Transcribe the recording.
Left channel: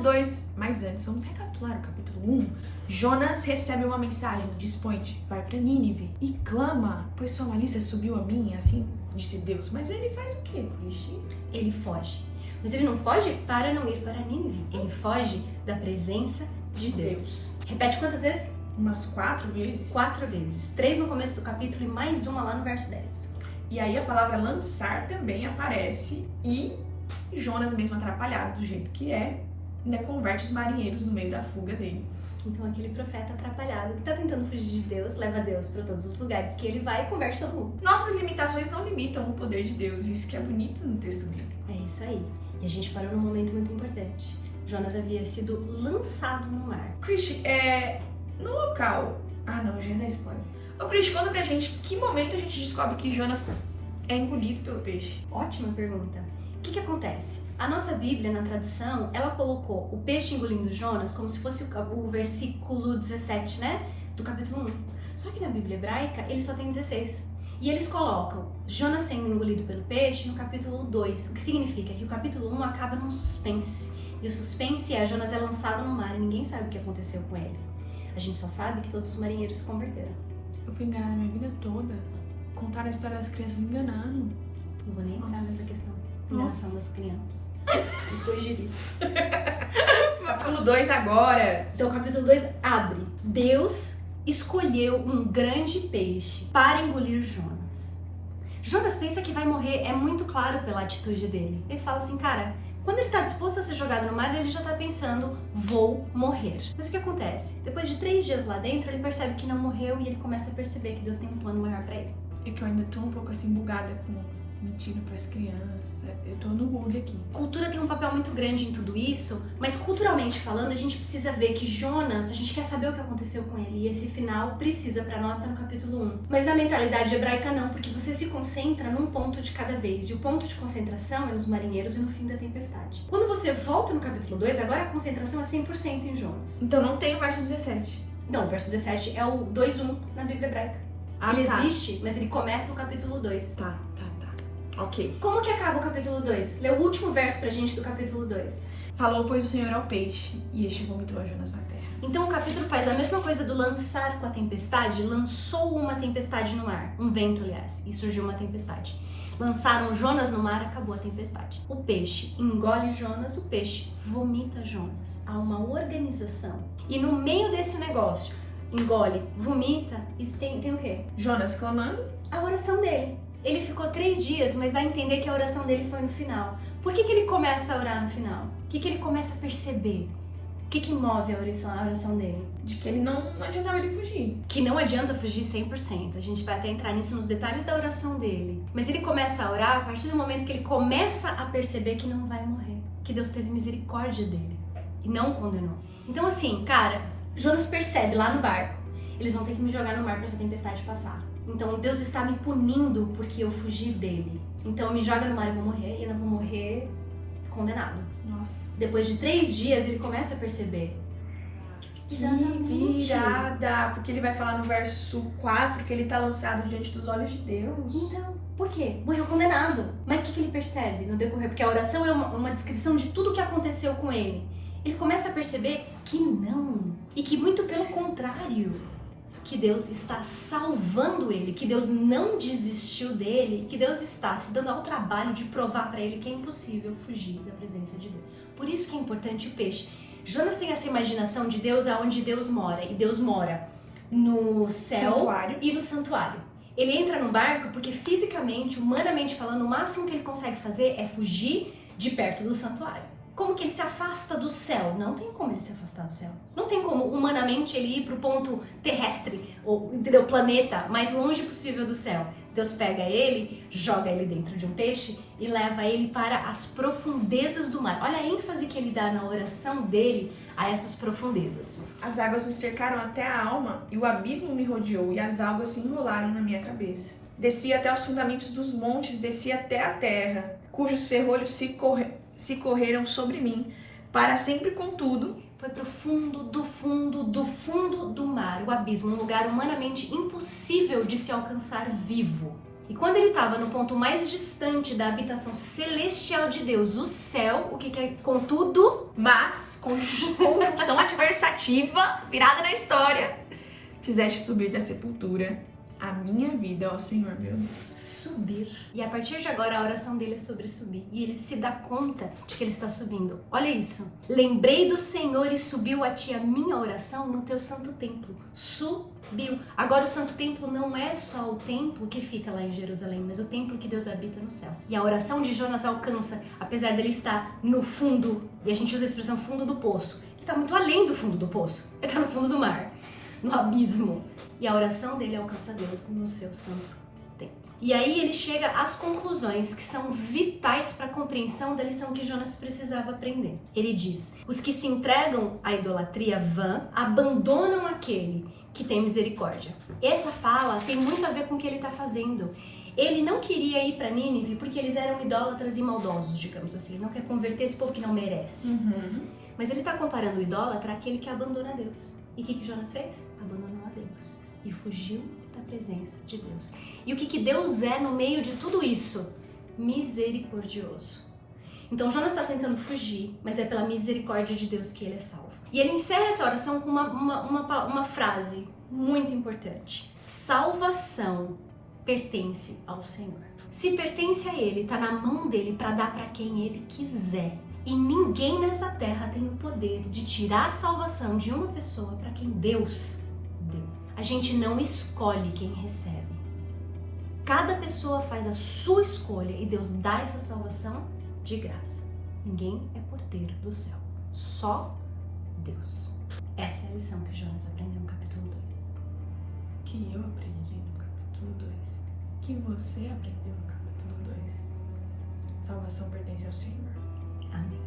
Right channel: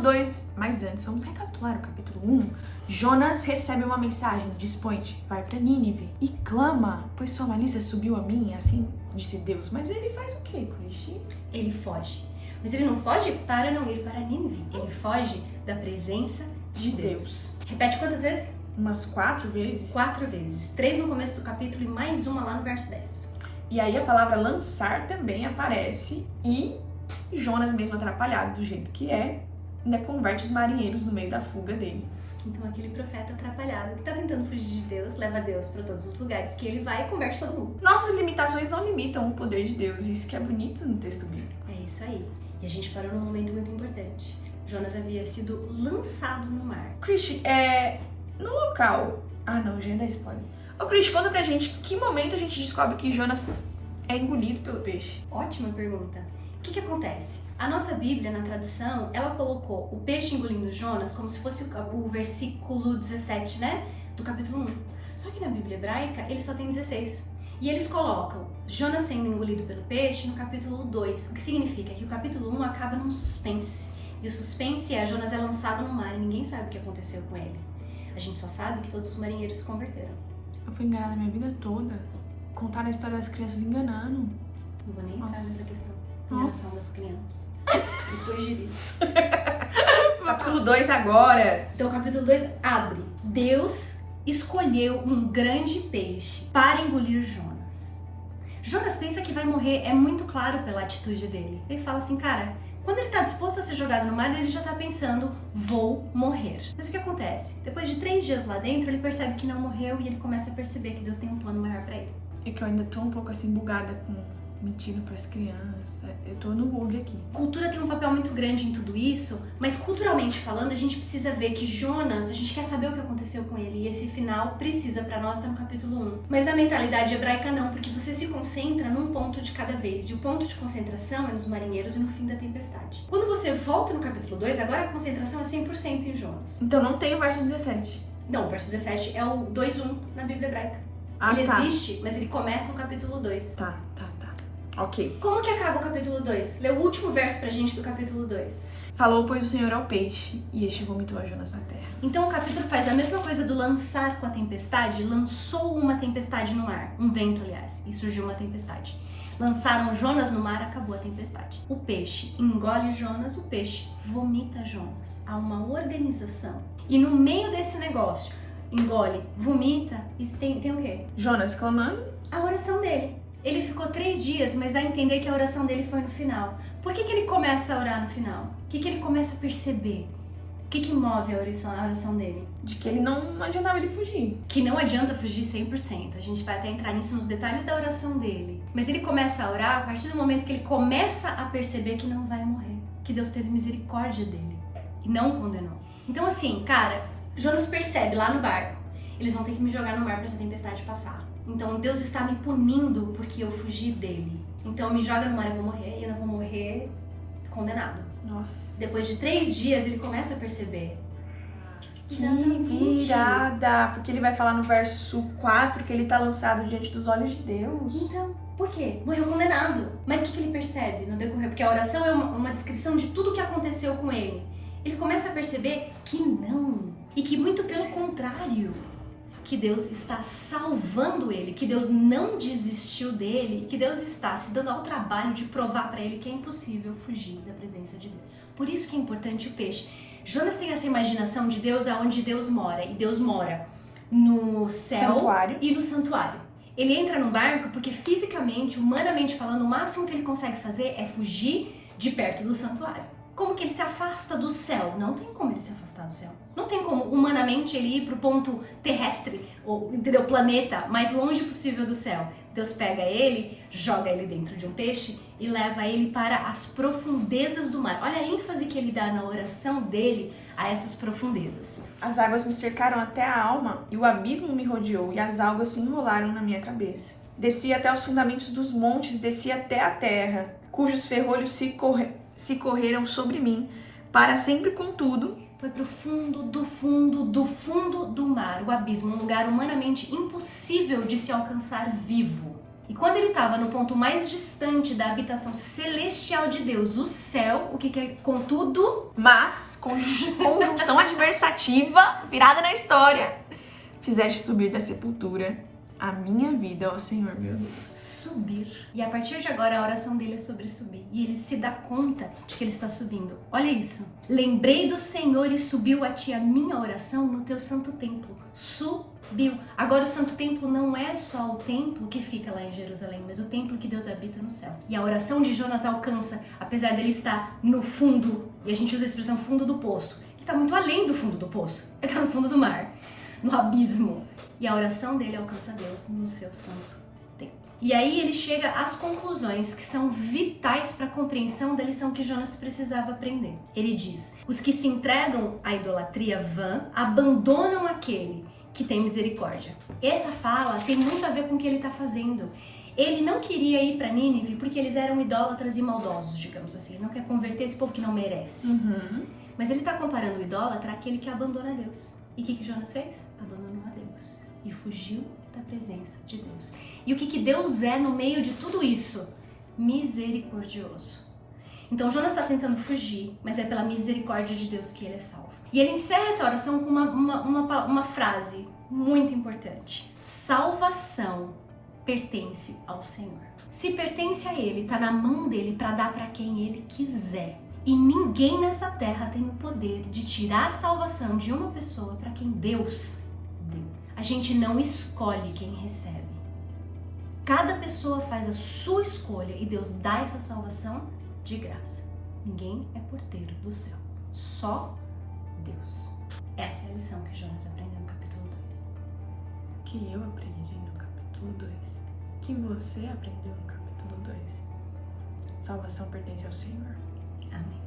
2, mas antes, vamos recapitular o capítulo 1. Jonas recebe uma mensagem, dispõe-te, vai para Nínive e clama, pois sua malícia subiu a mim, assim disse Deus. Mas ele faz o quê, Cristi? Ele foge. Mas ele não foge para não ir para Nínive. Ele foge da presença de Deus. Repete quantas vezes? Umas 4 vezes. 4 vezes. 3 no começo do capítulo e mais uma lá no verso 10. E aí a palavra lançar também aparece e Jonas, mesmo atrapalhado do jeito que é, ainda converte os marinheiros no meio da fuga dele. Então aquele profeta atrapalhado que tá tentando fugir de Deus, leva Deus para todos os lugares que ele vai e converte todo mundo. Nossas limitações não limitam o poder de Deus, e isso que é bonito no texto bíblico. É isso aí. E a gente parou num momento muito importante. Jonas havia sido lançado no mar. Cristi, no local... Ah, não, já ia dar spoiler. Ô, Cristi, conta pra gente que momento a gente descobre que Jonas é engolido pelo peixe. Ótima pergunta. O que acontece? A nossa Bíblia, na tradução, ela colocou o peixe engolindo Jonas como se fosse o versículo 17, né? Do capítulo 1. Só que na Bíblia hebraica, ele só tem 16. E eles colocam Jonas sendo engolido pelo peixe no capítulo 2. O que significa que o capítulo 1 acaba num suspense. E o suspense é Jonas é lançado no mar e ninguém sabe o que aconteceu com ele. A gente só sabe que todos os marinheiros se converteram. Eu fui enganada a minha vida toda. Contaram a história das crianças enganando. Não vou nem entrar nessa questão. Enganação das crianças. Vamos corrigir isso. Capítulo 2 agora. Então o capítulo 2 abre. Deus escolheu um grande peixe para engolir Jonas. Jonas pensa que vai morrer, é muito claro pela atitude dele. Ele fala assim, cara, quando ele está disposto a ser jogado no mar, ele já está pensando, vou morrer. Mas o que acontece? Depois de 3 dias lá dentro, ele percebe que não morreu e ele começa a perceber que Deus tem um plano maior para ele. É que eu ainda tô um pouco assim bugada com mentindo pras crianças. Eu tô no bug aqui. Cultura tem um papel muito grande em tudo isso, mas culturalmente falando, a gente precisa ver que Jonas, a gente quer saber o que aconteceu com ele, e esse final precisa pra nós estar no capítulo 1. Mas na mentalidade hebraica não, porque você se concentra num ponto de cada vez, e o ponto de concentração é nos marinheiros e no fim da tempestade. Quando você volta no capítulo 2, agora a concentração é 100% em Jonas. Então não tem o verso 17. Não, o verso 17 é o 2:1 na Bíblia hebraica. Ele existe, mas ele começa o capítulo 2. Tá. Ok. Como que acaba o capítulo 2? Lê o último verso pra gente do capítulo 2. Falou, pois, o Senhor ao peixe, e este vomitou a Jonas na terra. Então o capítulo faz a mesma coisa do lançar com a tempestade, lançou uma tempestade no mar, um vento, aliás, e surgiu uma tempestade. Lançaram Jonas no mar, acabou a tempestade. O peixe engole Jonas, o peixe vomita Jonas. Há uma organização. E no meio desse negócio, engole, vomita, e tem o quê? Jonas clamando. A oração dele. Ele ficou 3 dias, mas dá a entender que a oração dele foi no final. Por que ele começa a orar no final? O que ele começa a perceber? O que move a oração dele? De que ele não adiantava ele fugir. Que não adianta fugir 100%. A gente vai até entrar nisso nos detalhes da oração dele. Mas ele começa a orar a partir do momento que ele começa a perceber que não vai morrer. Que Deus teve misericórdia dele e não condenou. Então assim, cara, Jonas percebe lá no barco. Eles vão ter que me jogar no mar para essa tempestade passar. Então Deus está me punindo porque eu fugi dele. Então me joga no mar, eu vou morrer e eu não vou morrer condenado. Nossa. Depois de 3 dias ele começa a perceber. Que virada! Porque ele vai falar no verso 4 que ele tá lançado diante dos olhos de Deus. Então, por quê? Morreu condenado. Mas o que ele percebe no decorrer? Porque a oração é uma descrição de tudo o que aconteceu com ele. Ele começa a perceber que não. E que muito pelo contrário. Que Deus está salvando ele, que Deus não desistiu dele, que Deus está se dando ao trabalho de provar para ele que é impossível fugir da presença de Deus. Por isso que é importante o peixe. Jonas tem essa imaginação de Deus aonde Deus mora, e Deus mora no céu Santuário. E no santuário. Ele entra no barco porque fisicamente, humanamente falando, o máximo que ele consegue fazer é fugir de perto do santuário. Como que ele se afasta do céu? Não tem como ele se afastar do céu. Não tem como, humanamente, ele ir pro ponto terrestre, ou, entendeu? Planeta mais longe possível do céu. Deus pega ele, joga ele dentro de um peixe e leva ele para as profundezas do mar. Olha a ênfase que ele dá na oração dele a essas profundezas. As águas me cercaram até a alma e o abismo me rodeou e as águas se enrolaram na minha cabeça. Desci até os fundamentos dos montes, desci até a terra, cujos ferrolhos se correram sobre mim, para sempre, contudo, foi pro fundo do fundo do fundo do mar, o abismo, um lugar humanamente impossível de se alcançar vivo. E quando ele estava no ponto mais distante da habitação celestial de Deus, o céu, o que é contudo, Mas, conjunção adversativa, virada na história, fizeste subir da sepultura a minha vida, ó Senhor, meu Deus. subir. E a partir de agora a oração dele é sobre subir. E ele se dá conta de que ele está subindo. Olha isso. Lembrei do Senhor e subiu a ti a minha oração no teu santo templo. Subiu. Agora o santo templo não é só o templo que fica lá em Jerusalém, mas o templo que Deus habita no céu. E a oração de Jonas alcança, apesar dele estar no fundo, e a gente usa a expressão fundo do poço, ele está muito além do fundo do poço. Ele está no fundo do mar, no abismo. E a oração dele alcança Deus no seu santo templo. E aí ele chega às conclusões que são vitais para a compreensão da lição que Jonas precisava aprender. Ele diz: os que se entregam à idolatria vã abandonam aquele que tem misericórdia. Essa fala tem muito a ver com o que ele está fazendo. Ele não queria ir para Nínive porque eles eram idólatras e maldosos, digamos assim. Ele não quer converter esse povo que não merece. Mas ele está comparando o idólatra àquele que abandona Deus. E o que Jonas fez? Abandonou a Deus e fugiu da presença de Deus. E o que Deus é no meio de tudo isso? Misericordioso. Então Jonas está tentando fugir, mas é pela misericórdia de Deus que ele é salvo. E ele encerra essa oração com uma frase muito importante. Salvação pertence ao Senhor. Se pertence a Ele, está na mão dele para dar para quem Ele quiser. E ninguém nessa terra tem o poder de tirar a salvação de uma pessoa para quem Deus deu. A gente não escolhe quem recebe. Cada pessoa faz a sua escolha e Deus dá essa salvação de graça. Ninguém é porteiro do céu. Só Deus. Essa é a lição que Jonas aprendeu no capítulo 2. Que eu aprendi no capítulo 2. Que você aprendeu no capítulo 2. Salvação pertence ao Senhor. Amém.